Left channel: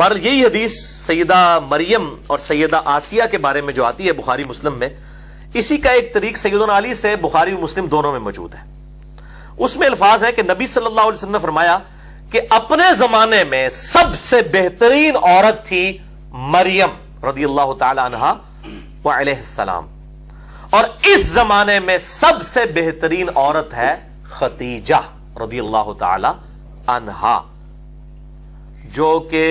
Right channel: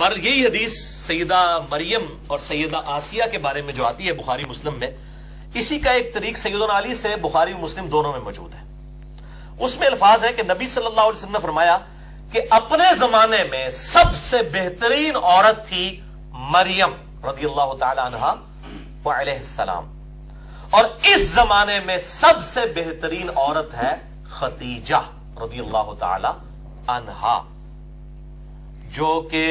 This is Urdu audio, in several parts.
بہرحال یہی حدیث سیدہ مریم اور سیدہ آسیہ کے بارے میں جو آتی ہے بخاری مسلم میں، اسی کا ایک طریق سیدنا علی سے بخاری اور مسلم دونوں میں موجود ہے. اس میں الفاظ ہے کہ نبی صلی اللہ علیہ وسلم نے فرمایا کہ اپنے زمانے میں سب سے بہترین عورت تھی مریم رضی اللہ تعالی عنہا وعلیہ السلام، اور اس زمانے میں سب سے بہترین عورت ہے خدیجہ رضی اللہ تعالی عنہا، جو کہ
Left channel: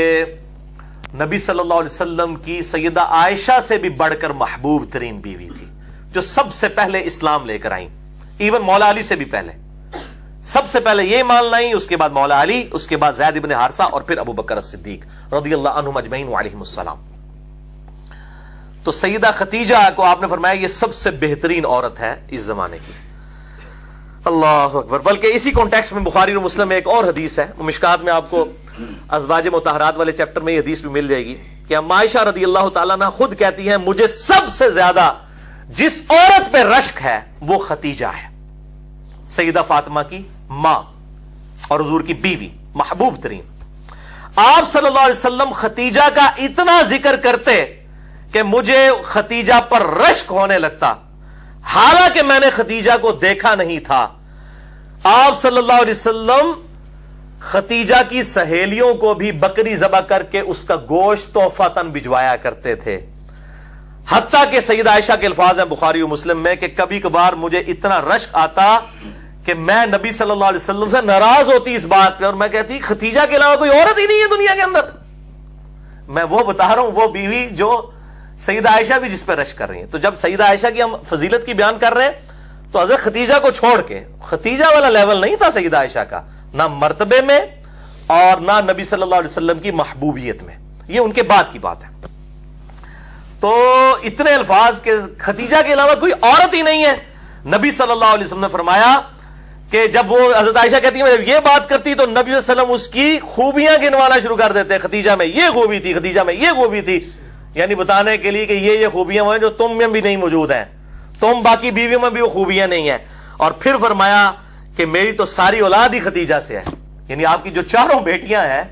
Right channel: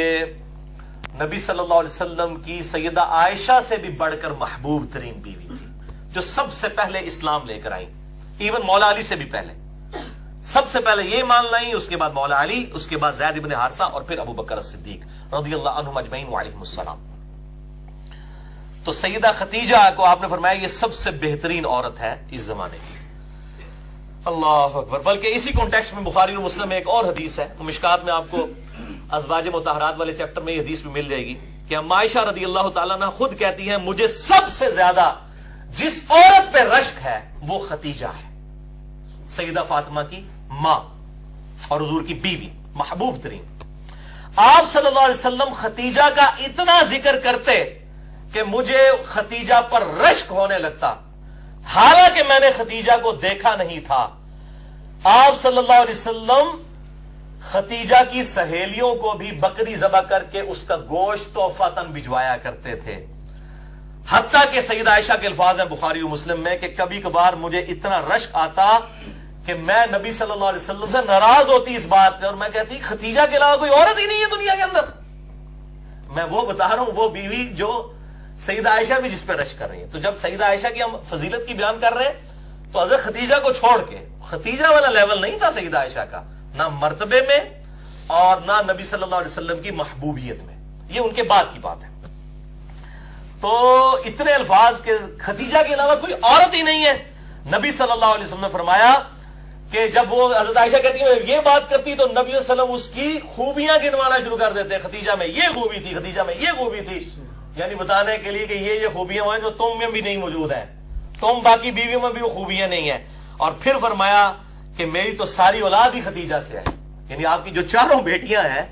نبی صلی اللہ علیہ وسلم کی سیدہ عائشہ سے بھی بڑھ کر محبوب ترین بیوی تھی، جو سب سے پہلے اسلام لے کر آئیں، ایون مولا علی سے بھی پہلے. سب سے پہلے یہ مان لائیں، اس کے بعد مولا علی، اس کے بعد زید بن حارثہ، اور پھر ابو بکر الصدیق رضی اللہ عنہم اجمعین وعلیہم السلام. تو سیدہ خدیجہ کو آپ نے فرمایا یہ سب سے بہترین عورت ہے اس زمانے کی. اللہ اکبر. بلکہ اسی کانٹیکسٹ میں بخاری اور مسلم میں ایک اور حدیث ہے، مشکات میں آپ کو ازواج مطہرات والے چیپٹر میں یہ حدیث بھی مل جائے گی کہ اما عائشہ رضی اللہ تعالیٰ عنہ خود کہتی ہیں مجھے سب سے زیادہ جس عورت پہ رشک ہے وہ خدیجہ ہے، سیدہ فاطمہ کی ماں اور حضور کی بیوی، محبوب ترین. آپ صلی اللہ علیہ وسلم خدیجہ کا اتنا ذکر کرتے کہ مجھے خدیجہ پر رشک ہونے لگتا، حالانکہ میں نے خدیجہ کو دیکھا نہیں تھا. آپ صلی اللہ علیہ وسلم خدیجہ کی سہیلیوں کو بھی بکری ذبح کر کے اس کا گوشت تحفۃً بھجوایا کرتے تھے. حتیٰ کہ سیدہ عائشہ کے الفاظ ہیں بخاری و مسلم میں کہ کبھی کبھار مجھے اتنا رشک آتا کہ میں نبی صلی اللہ علیہ وسلم سے ناراض ہوتی اس بات پہ، اور میں کہتی خدیجہ کے علاوہ کوئی عورت ہی نہیں ہے دنیا کے اندر. میں وہ بتا رہا ہوں وہ بیوی جو سیدہ عائشہ بھی جس پہ رشک کر رہی ہیں. تو جب سیدہ عائشہ کی ہم فضیلت کی بیان کر رہے ہیں تو حضرت خدیجہ کو چھوڑ کے، خدیجہ والا لیول نہیں تھا سیدہ عائشہ کا، نہ مرتبے میں اور نہ نبی صلی اللہ علیہ وسلم کی محبوبیت میں، یہ ان کے بعد کی بات ہے. تو اتنے الفاظ کہ خدیجہ کے علاوہ کوئی عورت ہی نہیں ہے. نبی صلی اللہ علیہ وسلم نے فرمایا کہ جب وہ حضرت عائشہ کہتی ہیں جب یہ بات کرتی تو نبی صلی اللہ علیہ وسلم اس کی خوبیاں گنوانا شروع کر دیتے، خدیجہ میں یہ خوبی تھی، خدیجہ میں یہ خوبی تھی، یعنی بتانے کے لیے کہ یہ خوبیاں ہیں جو تم میں بھی نہیں موجود ہیں، تم باقی بیویوں میں بھی وہ خوبیاں نہیں ہیں. اور پھر فرمایا کہ میری تو ساری اولاد ہی خدیجہ سے ہے، یعنی آپ کی جو چاروں بیٹیاں ہیں،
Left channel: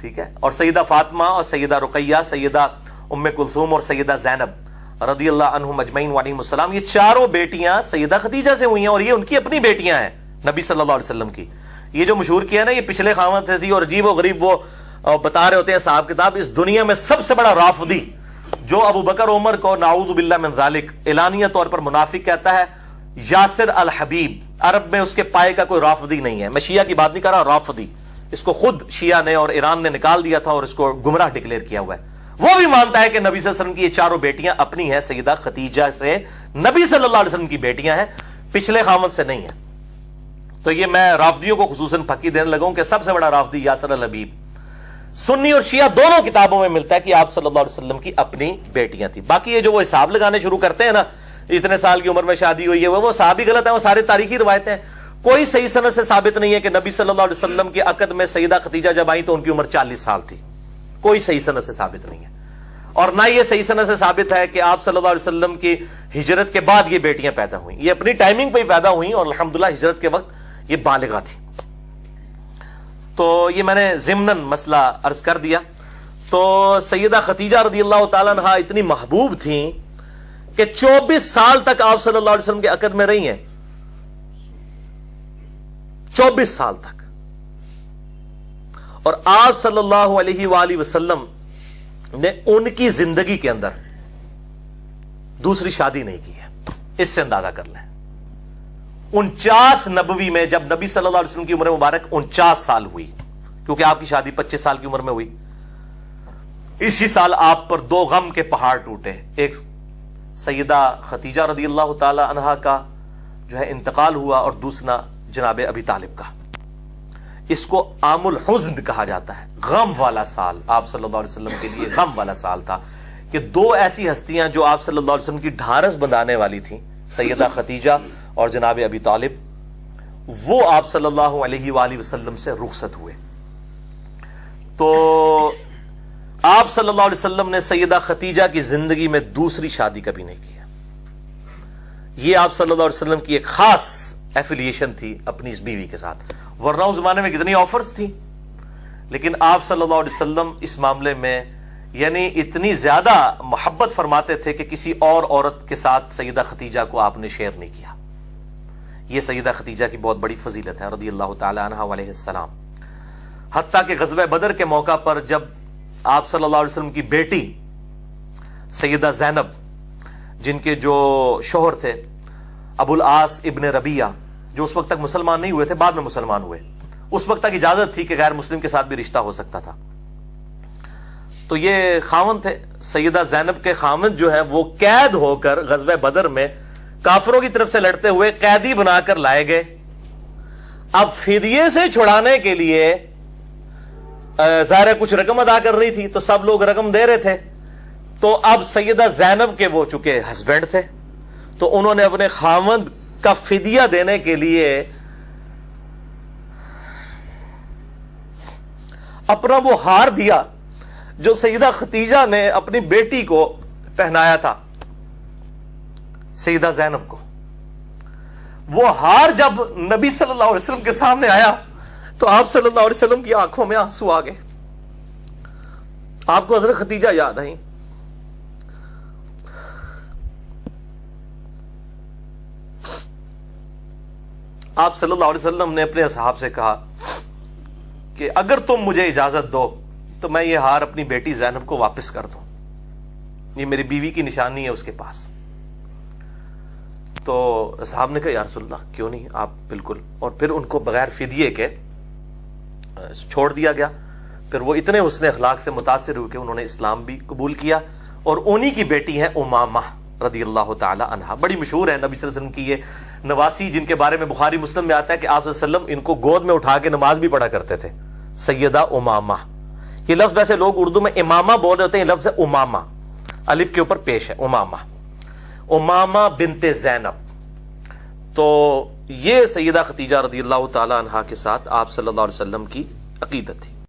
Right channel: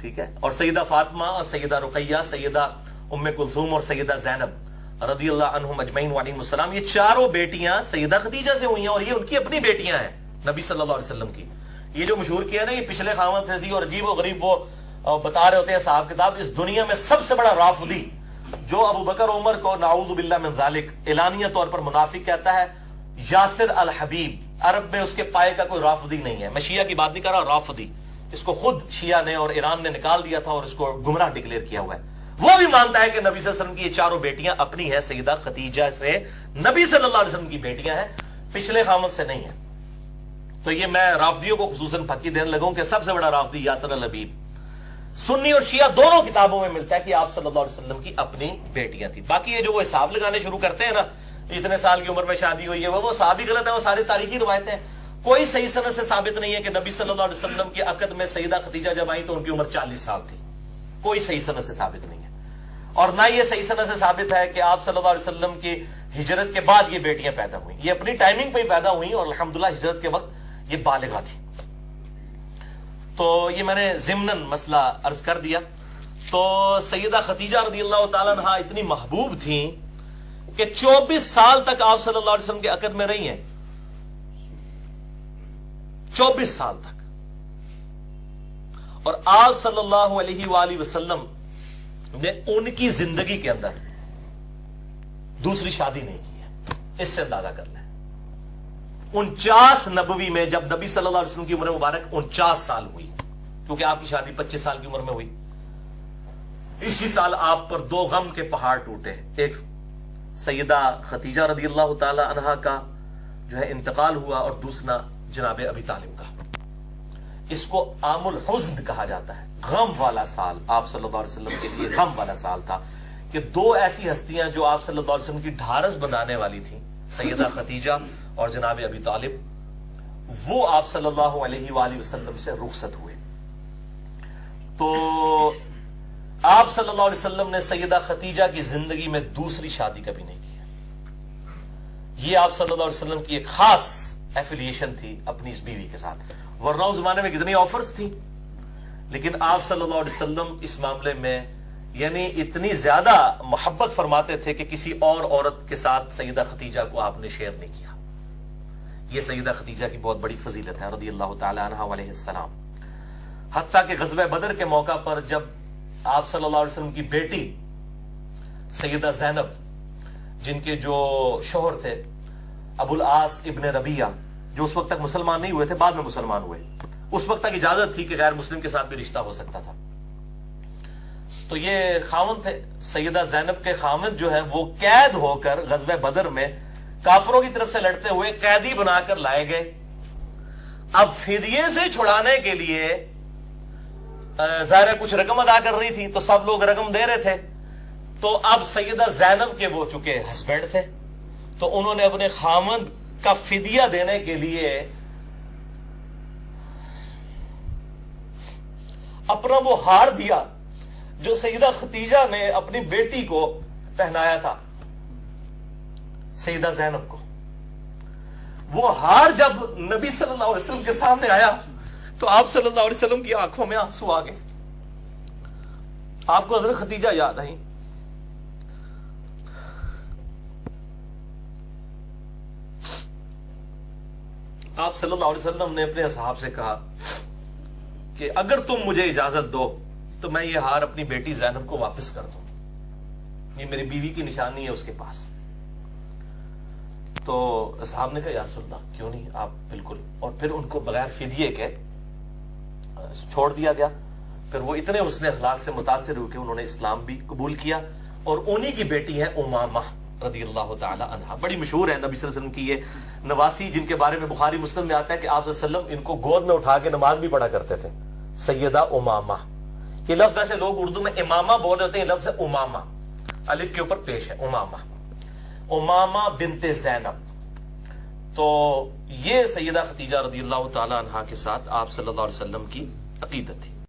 ٹھیک ہے، اور سیدہ فاطمہ اور سیدہ رقیہ، سیدہ ام کلثوم اور سیدہ زینب رضی اللہ عنہم اجمعین وعلیہم السلام، یہ چاروں بیٹیاں سیدہ خدیجہ سے ہوئی ہیں، اور یہ ان کی اپنی بیٹیاں ہیں نبی صلی اللہ علیہ وسلم کی. یہ جو مشہور کیا نا یہ پچھلے خامد تھی اور عجیب و غریب وہ بتا رہے ہوتے ہیں صاحب کتاب، اس دنیا میں سب سے بڑا رافضی جو ابو بکر عمر کو نعوذ باللہ من ذالک اعلانیہ طور پر منافق کہتا ہے، یاسر الحبیب. عرب میں اس کے پائے کا کوئی رافضی نہیں ہے. میں شیعہ کی بات نہیں کر رہا، رافضی اس کو خود شیعہ نے اور ایران نے نکال دیا تھا اور اس کو گمراہ ڈکلیئر کیا ہوا ہے. وہ بھی مانتا ہے کہ نبی صلی اللہ علیہ وسلم کی یہ چاروں بیٹیاں اپنی ہیں، سیدہ خدیجہ سے نبی صلی اللہ علیہ وسلم کی بیٹیاں ہیں، پچھلے خامد سے نہیں ہیں. تو یہ میں رافضیوں کو خصوصاً پھکی دینے لگا ہوں کہ سب سے بڑا رافضی یاسر الحبیب. سنی اور شیعہ دونوں کتابوں میں ملتا ہے کہ آپ صلی اللہ علیہ وسلم کی اپنی بیٹیاں تھیں. باقی یہ جو وہ حساب لگانے شروع کرتے ہیں نا، اتنے سال کی عمر میں شادی ہوئی ہے، وہ صحابی غلط ہے، وہ سارے تاریخی روایتیں. کوئی صحیح سند سے ثابت نہیں ہے کہ نبی صلی اللہ علیہ وسلم کے عقد میں سیدہ خدیجہ جب آئی تو ان کی عمر 40 سال تھی. کوئی صحیح سند سے ثابت نہیں ہے، اور نہ یہ صحیح سند سے ثابت ہے کہ آپ صلی اللہ علیہ وسلم کی ہجرت کے بعد یہ بیٹیاں پیدا ہوئیں. یہ اپنی ٹائمنگ پہ ہی پیدا ہوئیں اور الحمدللہ ہجرت کے وقت یہ بالغہ تھی. تو یہ میں نے ضمناً مسئلہ عرض کر دیا. تو سیدہ خدیجہ رضی اللہ تعالیٰ عنہ اتنی محبوب تھیں کہ 24 سال تک آپ صلی اللہ علیہ وسلم کے عقد میں رہی ہیں، 24 سال تک. اور آپ صلی اللہ علیہ وآلہ وسلم نے ان کی زندگی کے اندر دوسری شادی نہیں کی ہے. اس سے اندازہ کر لیں 49 نبوی میں جب نبی صلی اللہ علیہ وسلم کی عمر مبارک 49 سال ہوئی، کیونکہ آپ کی شادی 25 سال کی عمر میں ہوئی، اسی سال آپ پر 2 غم کے پہاڑ ٹوٹے. ایک سیدہ خدیجہ رضی اللہ تعالی عنہا کا جو ہے انتقال ہوا، اور دوسرا جناب ابی طالب کا. اس کو عام الحزن کہا جاتا ہے، غم والا سال. آپ صلی اللہ علیہ وسلم کے لیے غم والا سال تھا کہ 2 ایسی ہستیاں جو آپ صلی اللہ علیہ وسلم کی ڈھارس بندھانے والی تھیں، سیدہ خدیجہ اور جناب ابی طالب، وہ آپ صلی اللہ علیہ وآلہ وسلم سے رخصت ہوئے. تو آپ صلی اللہ علیہ وسلم نے سیدہ خدیجہ کی زندگی میں دوسری شادی کبھی نہیں کی ہے. یہ آپ صلی اللہ علیہ وسلم کی ایک خاص ایفیلیشن تھی اپنی اس بیوی کے ساتھ. ورنہ اس زمانے میں کتنی آفرز تھی، لیکن آپ صلی اللہ علیہ وسلم اس معاملے میں یعنی اتنی زیادہ محبت فرماتے تھے کہ کسی اور عورت کے ساتھ سیدہ خدیجہ کو آپ نے شیئر نہیں کیا. یہ سیدہ خدیجہ کی بہت بڑی فضیلت ہے رضی اللہ تعالی عنہا علیہ السلام. حتیٰ کہ غزوہ بدر کے موقع پر جب آپ صلی اللہ علیہ وسلم کی بیٹی سیدہ زینب، جن کے جو شوہر تھے ابو العاص ابن ربیعہ، جو اس وقت تک مسلمان نہیں ہوئے تھے، بعد میں مسلمان ہوئے، اس وقت تک اجازت تھی کہ غیر مسلم کے ساتھ بھی رشتہ ہو سکتا تھا. تو یہ خاوند تھے، سیدہ زینب کے خاوند جو ہے وہ قید ہو کر غزوہ بدر میں کافروں کی طرف سے لڑتے ہوئے قیدی بنا کر لائے گئے. اب فدیے سے چھڑانے کے لیے ظاہر کچھ رقم ادا کر رہی تھی تو سب لوگ رقم دے رہے تھے. تو اب سیدہ زینب کے وہ چونکہ ہسبینڈ تھے تو انہوں نے اپنے خاوند کا فدیہ دینے کے لیے اپنا وہ ہار دیا جو سیدہ خدیجہ نے اپنی بیٹی کو پہنایا تھا، سیدہ زینب کو. وہ ہار جب نبی صلی اللہ علیہ وسلم کے سامنے آیا تو آپ صلی اللہ علیہ وسلم کی آنکھوں میں آنسو آ گئے. آپ کو حضرت خدیجہ یاد آئی. آپ صلی اللہ علیہ وسلم نے اپنے اصحاب سے کہا کہ اگر تم مجھے اجازت دو تو میں یہ ہار اپنی بیٹی زینب کو واپس کر دوں، یہ میری بیوی کی نشانی ہے اس کے پاس. تو اصحاب نے کہا یا رسول اللہ کیوں نہیں، آپ بالکل. اور پھر ان کو بغیر فدیے کے چھوڑ دیا گیا. پھر وہ اتنے حسن اخلاق سے متاثر ہوئے کہ انہوں نے اسلام بھی قبول کیا. اور انہی کی بیٹی ہے امامہ رضی اللہ تعالی عنہا. بڑی مشہور ہے نبی صلی اللہ علیہ وسلم کی یہ نواسی، جن کے بارے میں بخاری مسلم میں آتا ہے کہ آپ صلی اللہ علیہ وسلم ان کو گود میں اٹھا کے نماز بھی پڑھا کرتے تھے. سیدہ امامہ، یہ لفظ ویسے لوگ اردو میں امامہ بول رہے ہوتے ہیں، یہ لفظ ہے امامہ، الف کے اوپر پیش ہے، امامہ، امامہ بنت زینب. تو یہ سیدہ خدیجہ رضی اللہ تعالی عنہا کے ساتھ آپ صلی اللہ علیہ وسلم کی عقیدت تھی.